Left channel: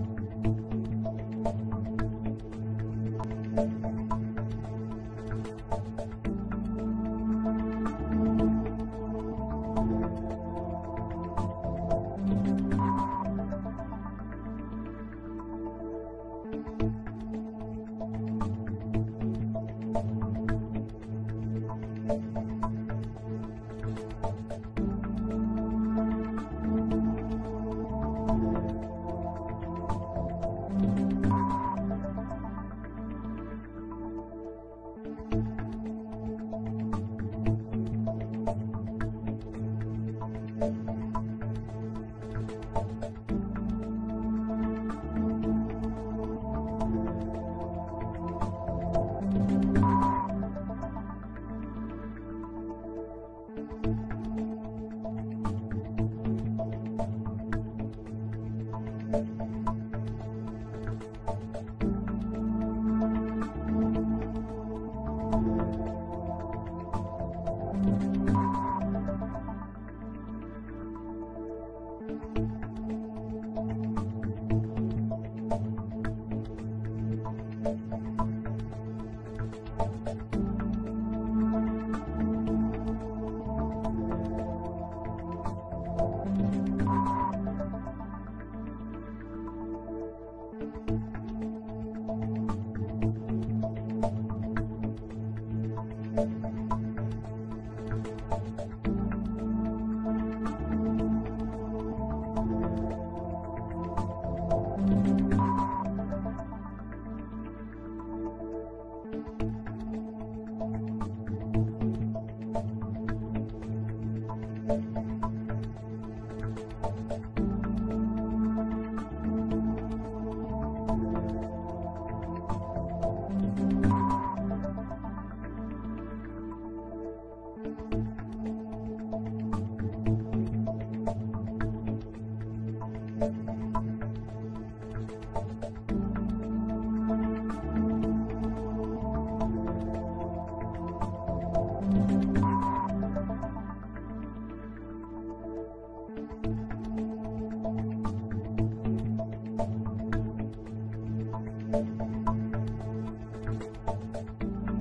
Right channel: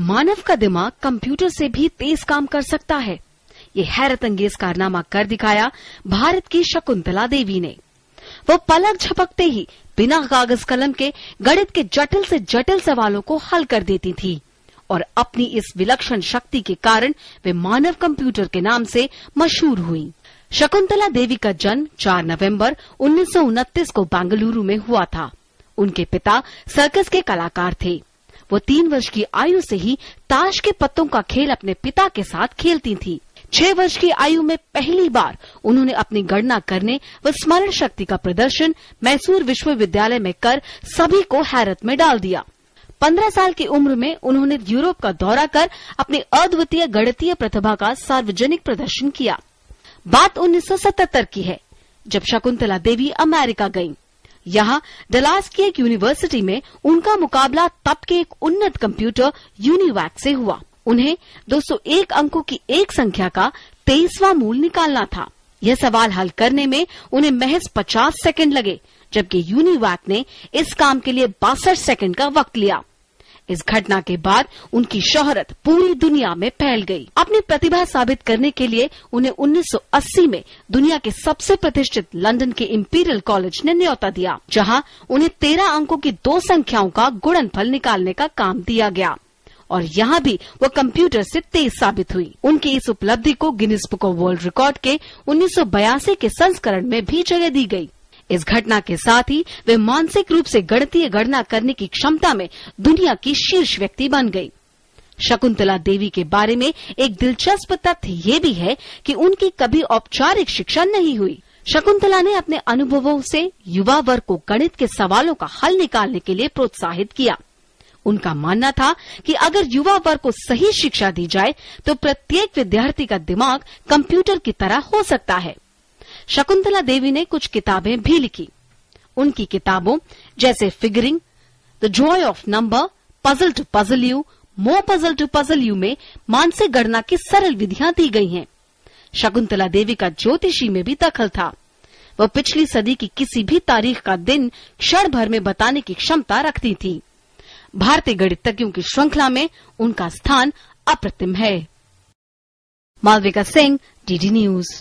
मानव का दिमाग कंप्यूटर से भी तेज काम कर सकता है, ये हैरत अंगेज कारनामा कर दिखाया भारत की शकुंतला देवी ने। वो पलक झपकते ही बिना कागज कलम के गणित के जटिल से जटिल सवालों को हल कर देती थी और अपनी इस विलक्षण शक्ति के कारण वे मानव कंप्यूटर के नाम से मशहूर हुई। शकुंतला देवी का जन्म 4 नवंबर 1929 को बेंगलुरु में हुआ था। उनके पिता सर्कस के कलाकार थे। वो 3 वर्ष की आयु से ही ताश के पत्तों का खेल अपने पिता के साथ खेलती थी। 6 वर्ष की आयु में पहली बार उन्होंने अपनी गणना करने व स्मरण शक्ति का प्रदर्शन मैसूर विश्वविद्यालय में कर सभी को हैरत में डाल दिया। 15 साल की उम्र में उन्होंने यूरोप का दौरा कर अपनी अद्वितीय गणितीय प्रतिभा का सार्वजनिक प्रदर्शन किया। बात 1977 की है, जब शकुंतला देवी अमेरिका गयी। यहाँ डलास की एक यूनिवर्सिटी में उनका मुकाबला तब के एक उन्नत कंप्यूटर यूनिवैक से हुआ। उन्हें 201 अंकों की एक संख्या का 23वां मूल निकालना था। यह सवाल हल करने में उन्हें महज 50 सेकंड लगे, जबकि यूनिवैक ने इस काम के लिए 62 सेकंड का वक्त लिया। इस घटना के बाद उनकी शोहरत पूरी दुनिया में फैल गई। अपनी प्रतिभा साबित करने के लिए उन्हें 1980 में दुनिया के सबसे प्रतिष्ठित लंदन के इंपीरियल कॉलेज ने न्योता दिया, जहां उन्हें 13 अंकों की 2 संख्याओं का गुणनफल निकालने का काम दिया गया और यहाँ भी वो कंप्यूटर से तेज साबित हुई। उनकी इस उपलब्धि को Guinness book of world record के 1982 के संस्करण में भी जगह दी गई। इस घटना के साथ ही वे मानसिक रूप से गणितीय गणना करने की क्षमता में दुनिया की शीर्ष व्यक्ति बन गयी। शकुंतला देवी के बारे में एक दिलचस्प तथ्य ये भी है कि उनकी कभी औपचारिक शिक्षा नहीं हुई। शकुंतला ने अपने अनुभवों से युवा वर्ग को गणित के सवालों का हल निकालने के लिए प्रोत्साहित किया। उनका मानना था कि अगर युवा वर्ग को सही शिक्षा दी जाए तो प्रत्येक विद्यार्थी का दिमाग कंप्यूटर की तरह हो सकता है। शकुंतला देवी ने कुछ किताबें भी लिखी। उनकी किताबों जैसे figuring, the joy of number, puzzle to puzzle you, more puzzle to puzzle you में मानसिक गणना की सरल विधियां दी गई हैं। शकुंतला देवी का ज्योतिषी में भी दखल था। वह पिछली सदी की किसी भी तारीख का दिन क्षण भर में बताने की क्षमता रखती थी। भारतीय गणितज्ञों की श्रृंखला में उनका स्थान अप्रतिम है। Malvika Singh, DD news.